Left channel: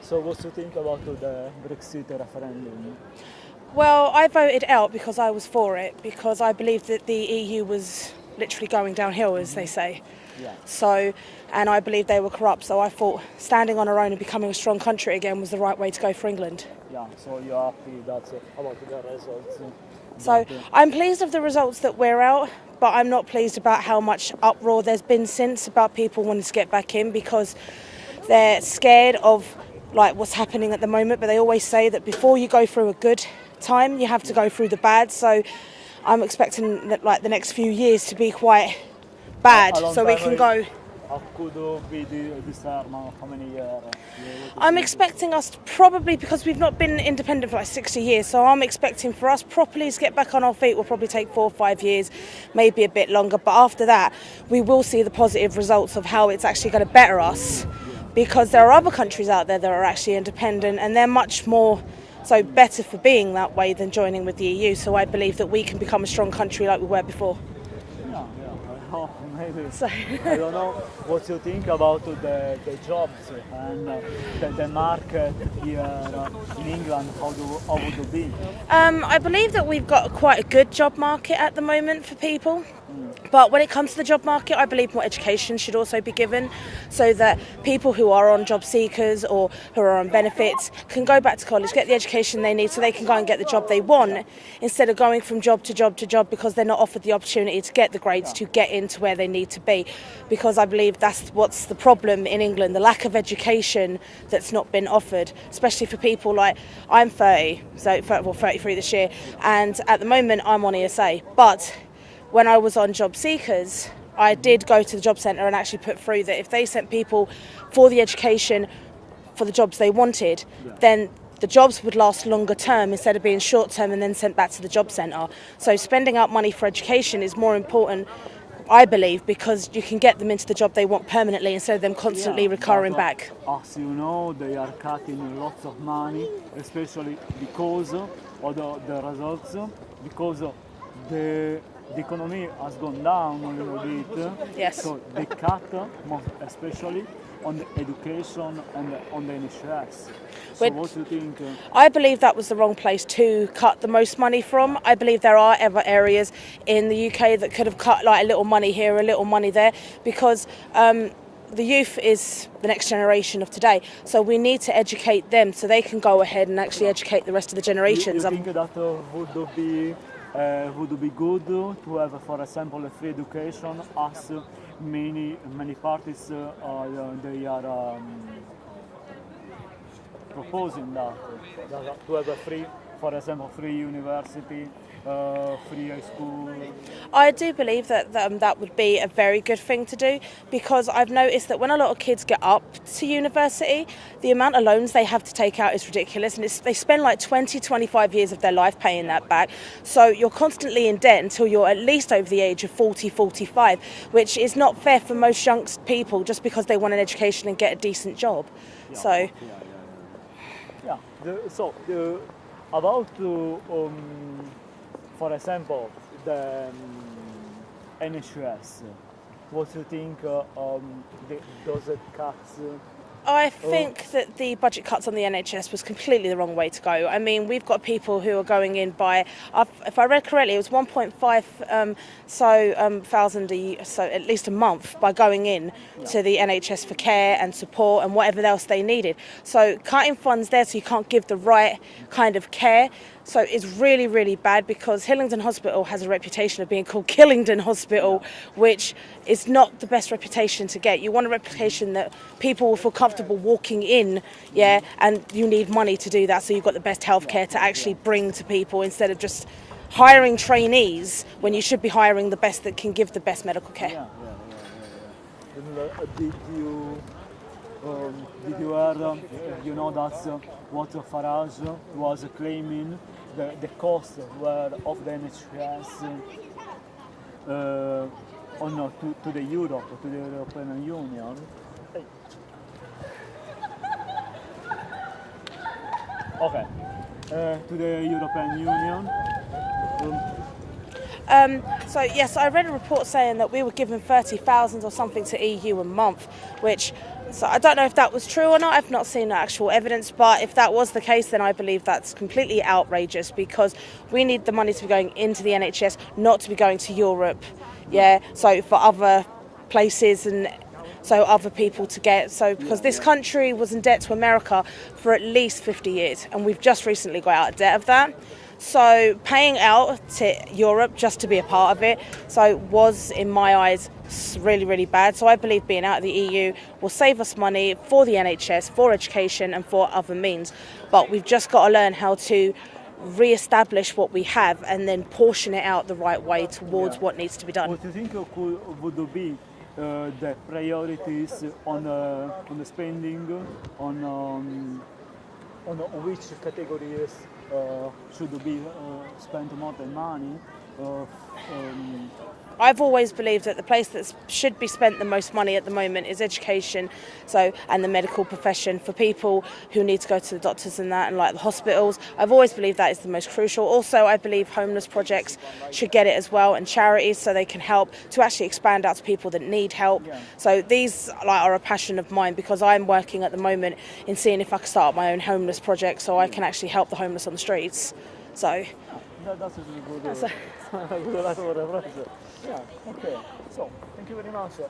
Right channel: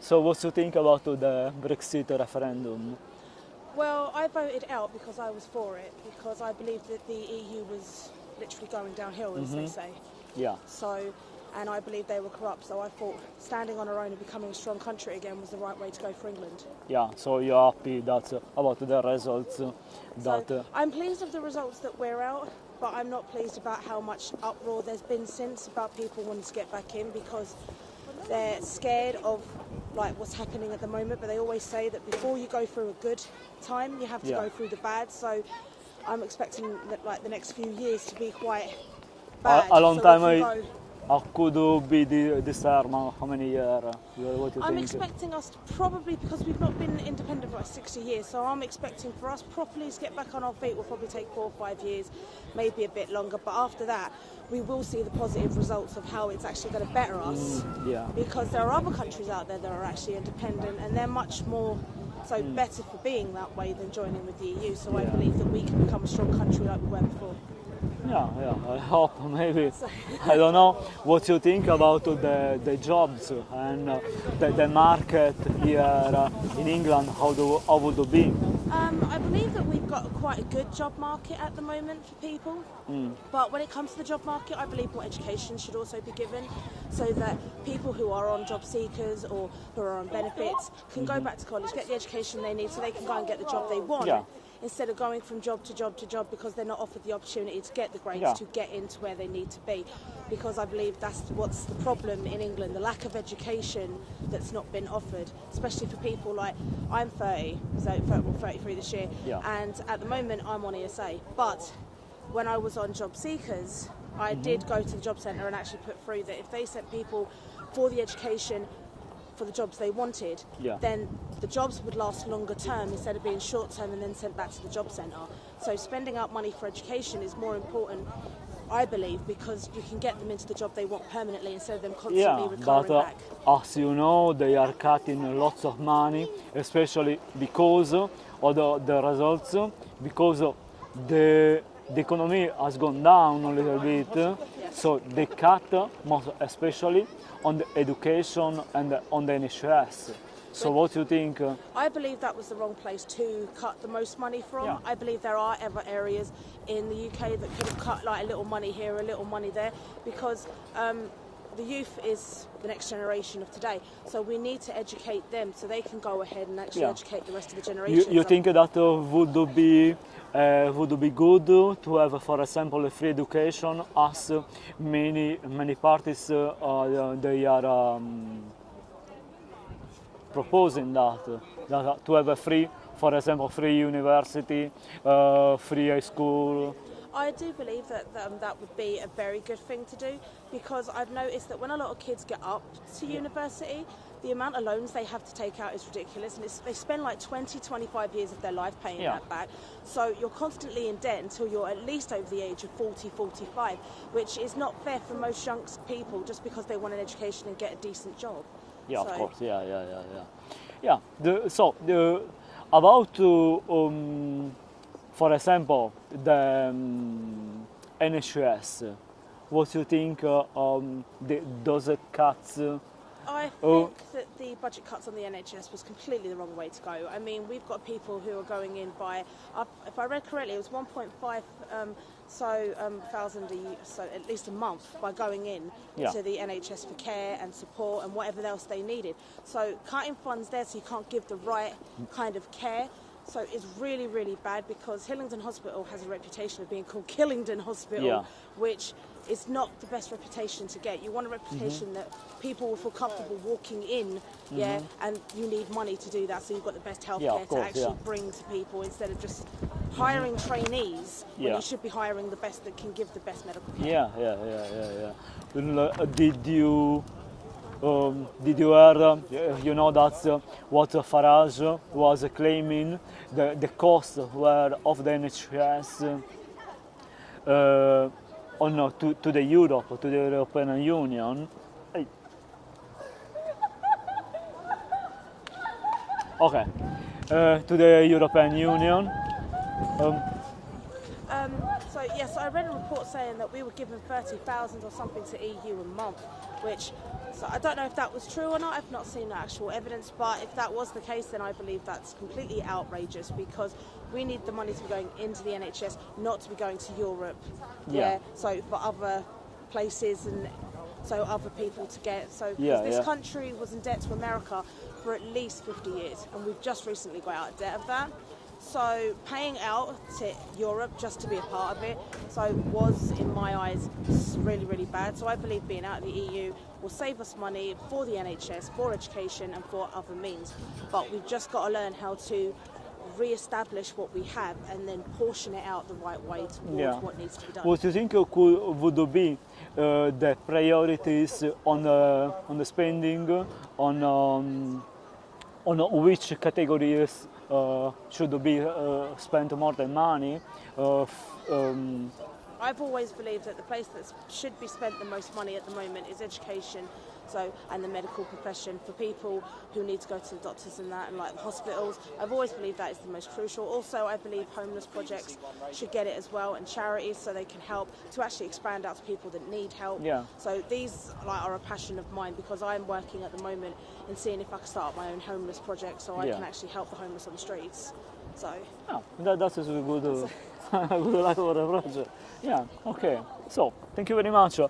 So what do you think about the Brexit referendum? Well, I voted out because I was for it, because I believed that the EU was literally going downhill, as they say. Yeah. So, and I believed they were corrupt, so I thought standing on our own and becoming a strong country again was the right way to go for England. Yeah, so you're happy that about the results. So But, I'm pleased of the results that we're out, but I'm not pleased about how much uproar there's been since about people wanting to get back in because they're scared of like what's happening at the moment. But they always say that before you go through a good time, you have to go through the bad. So I'm expecting that like the next few years to be quite bad, a long so we time can go. How could you be this term? How many years? I'm expecting us to probably, because we've not been independent for like 60 years, so I'm expecting for us properly to get back on our feet will probably take 4 or 5 years, maybe a bit longer. But after that, we will see the positive results of how it's actually going to better us. Because there are other countries out there that are actually independent and they're much more so better for being that way than joining with the EU. So I believe that we can become a strong country like we were before. Yeah, I hope maybe. So I don't know what you think about the jobs and the market here in England. How would it be? I believe that we've got quite a good job market at the moment for people. But when it comes to the job market, I believe more education should also be given so that people who are on job seekers or who are on benefits can go back to college, get the education they need so they can go and get the job they want instead of going from job to job to job because they're not offered the opportunity to get the grades to get into where they need to be. Because I believe that's what's the problem in England, the lack of education that's not been offered, especially for people like I'm 30, so 33 this year, and at the moment I'm on ESA. But when I was on job seekers, I did go to the job centre and actually put through that if they sent people for the education for the jobs they wanted, then the jobs would last longer term instead of being short term and then sent back to the job centre. So spending out money for education is more important, I believe, because you can get them into the job they want permanently instead of them constantly recurring back. As you know, they are cutting lots of money, especially because of the results, because of the economy has gone down a little bit. Yes. So they cut, especially on the education and on the NHS. So what do you think? I believe that was the wrong place to cut the most money from. I believe there are other areas in the UK that could have cut like a little money here, a little money there, because the youth is the next generation of today. So we need to educate them so they can go ahead and actually educate the rest of the generations. You think that would be good to have, for example, a free education, as many parties they are proposing that to have a free, for example, free university, free high school. I do believe that that would be a very good thing to do, because I've noticed that when a lot of kids get up to university, the amount of loans they have to take out is ridiculous, and they spend like 20-25 years of their life paying that back. So you're constantly in debt until you're at least over the age of 40-45, which is not fair for most young people just because they want an education and get a decent job. About, for example, the NHS, what do you think those cuts? I think that the budget cuts on the NHS was completely the wrong way to go. I mean, we've got people who are going in by, if I read correctly, it was 1.5 thousand so at least a month by going in to the NHS for care and support and whatever else they needed. So cutting funds there so you can't give the right kind of care. So it's really, really bad, because Hillingdon Hospital has a reputation of being called Killingdon Hospital, which is not the best reputation to get. You want a reputation that people will feel comfortable walking in, and you need money to do that, so you've got the best healthcare to actually bring to people instead of just hiring trainees when you should be hiring the best that can give the best medical care. Did you hear, you know, that's what Farage was claiming, the cost of the NHS to the Europe, to the European Union. Okay, to the European Union. So yes, I read a report saying that we were giving 30,000 or something to EU a month, which So I don't know if that was true or not. I've not seen the actual evidence, but if that was the case, then I believe that's completely outrageous because we need the money to be going into the NHS, not to be going to Europe. Yeah. So for other places and so other people to get. So because this country was in debt to America for at least 50 years, and we've just recently got out of debt of that. So paying out to Europe just to be a part of it, so was in my eyes really, really bad. So I believe being out of the EU will save us money for the NHS, for education and for other means. But we've just got to learn how to re-establish what we have and then portion it out the right way towards what needs to be done. What do you think would be the priorities on the spending, on which categories should be spent more than money? I've always believed that the place that should be spent the most money at the moment is education, and the medical profession for people who need to go to the doctors and that, and like the hospitals. I've always believed that is the most crucial. Also, I believe homeless projects should get it as well, and charities, so they can help to actually expand out to people that need help. Yeah. So these are a passion of mine because I'm working at the moment in seeing if I can start up my own homeless project, so I can actually help the homeless on the streets. So That's a good, good lavoro. Yeah, okay. So, thank you very much.